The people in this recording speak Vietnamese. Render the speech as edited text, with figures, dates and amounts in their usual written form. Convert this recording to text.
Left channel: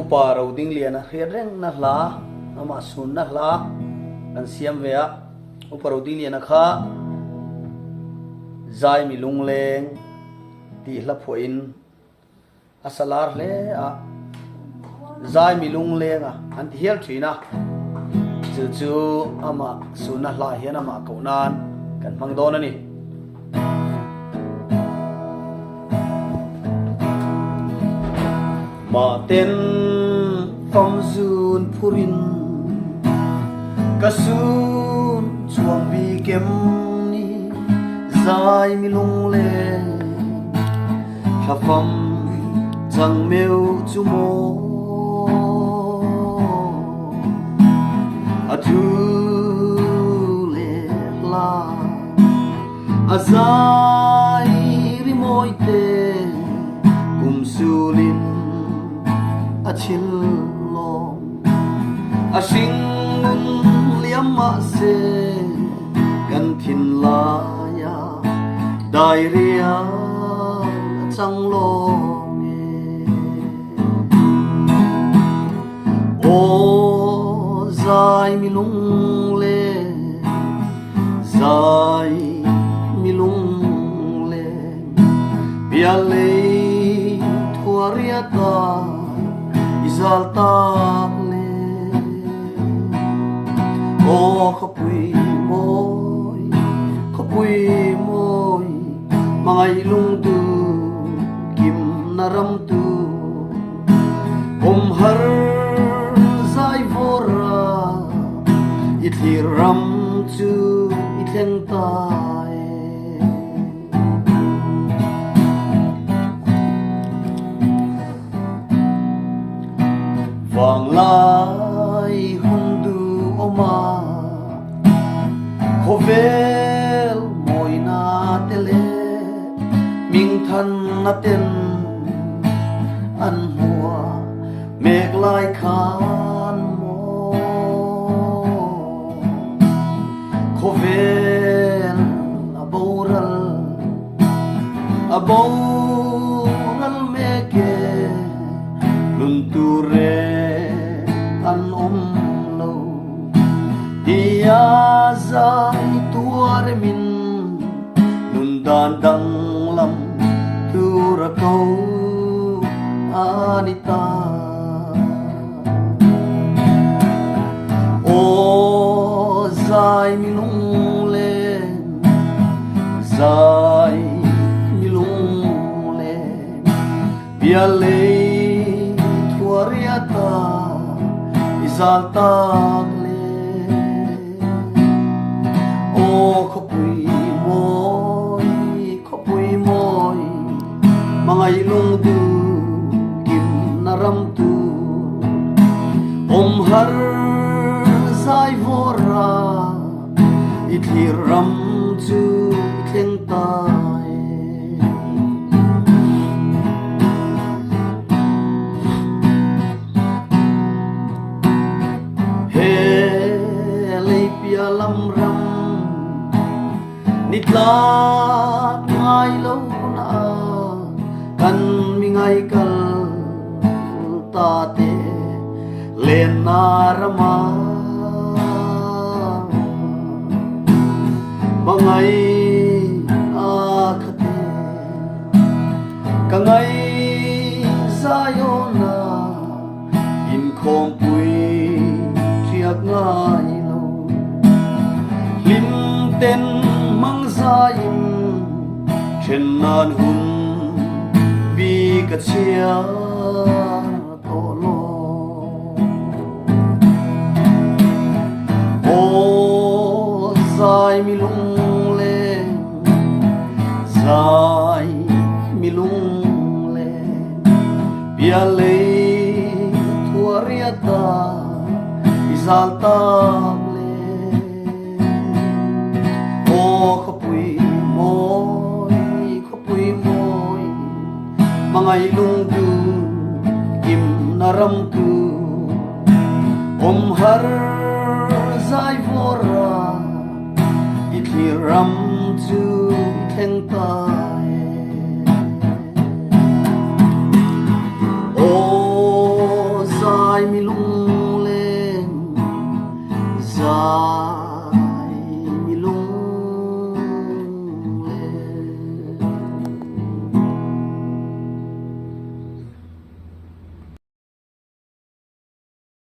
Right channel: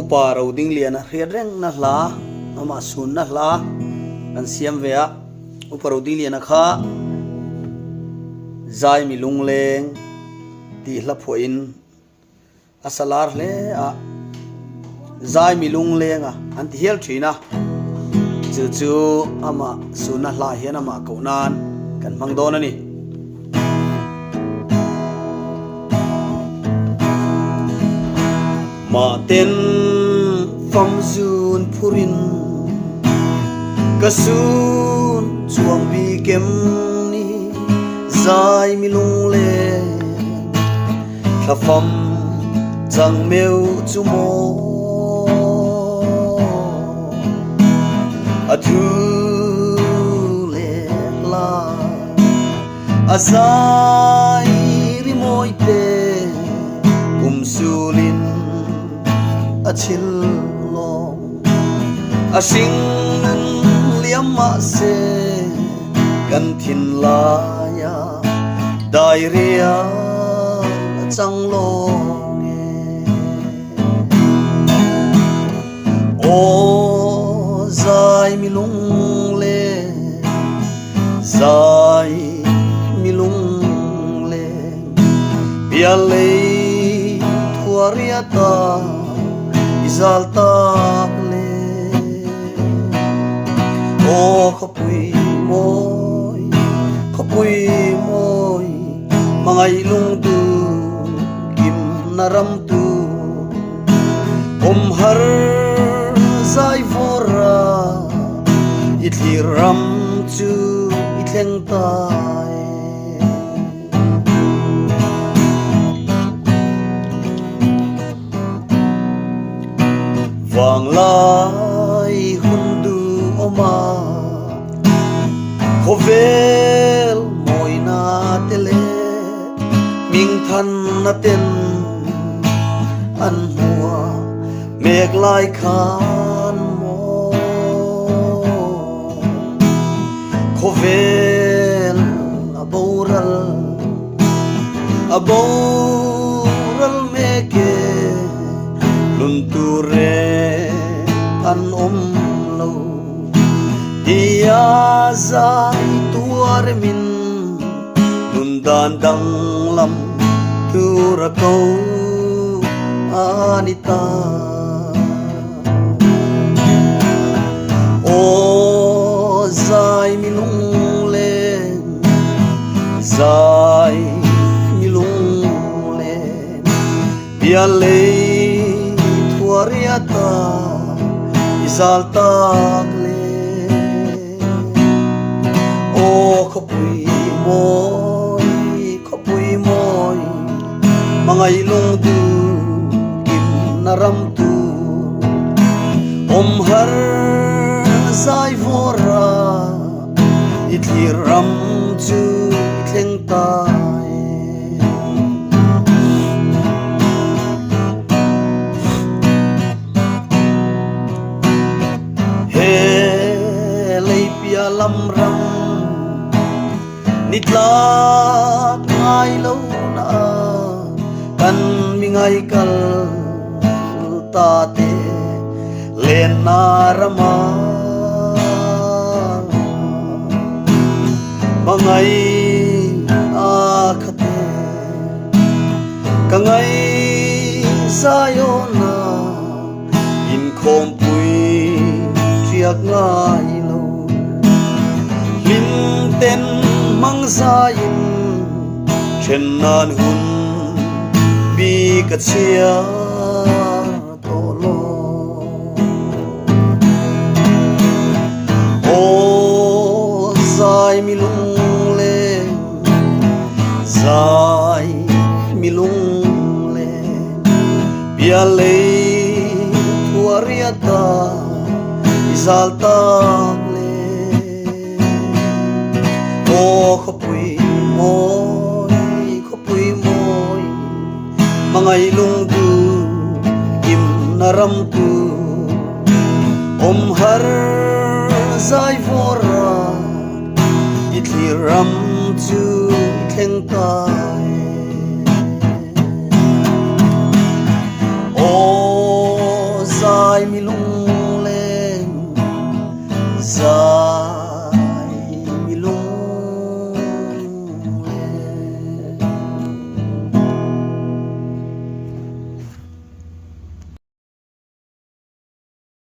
uparo ding liana reng na hla ama sun na hla kan siam vea uparo ding liana kha zai mi lung leng ti hla phoin asalar hle a zai mi lung leng a an ti hel thina chu chu ama sun na hla hian ama ko nan kan mang don ani ma ten phong zun phurin kasun chuang vi kem ni zai mi lung le kha pham chang meu chu mo a thu le la a zai ri moi te kum sulin a chil long a sing liam ma se kan thin la ya dai ria chang lo o zai mi lung le zai mi lung le bia le thuaria ta izal ta le o khopui moi mangai lung tu kim naram tu har zai vora itli ram chu itleng tai vang lai hundu oma khovel moi na tele ming than na ten an hua mek lai khan mo khovel aboral meke nun tu re an lo dia zai tuar min nun dan dang lam tu ra ko anita o zai mi lung le zai mi lung le bia le thuariata izal tak le o khopui moi mangai lung tu kim naram tu har zai vora itli ram chu itleng tai he lei pia lam ram nitla ngai lo na kan mi ngai kal ta te len narama mangai akhate kangai sayona in khom pui triak ngai lo lin ten mang zain chen nan hun bi ka chia mi lung le zai mi lung le bia le thuariata izal ta le o khopui moi mangai lung tu kim naram tu har zai vora itli ram chu itleng ta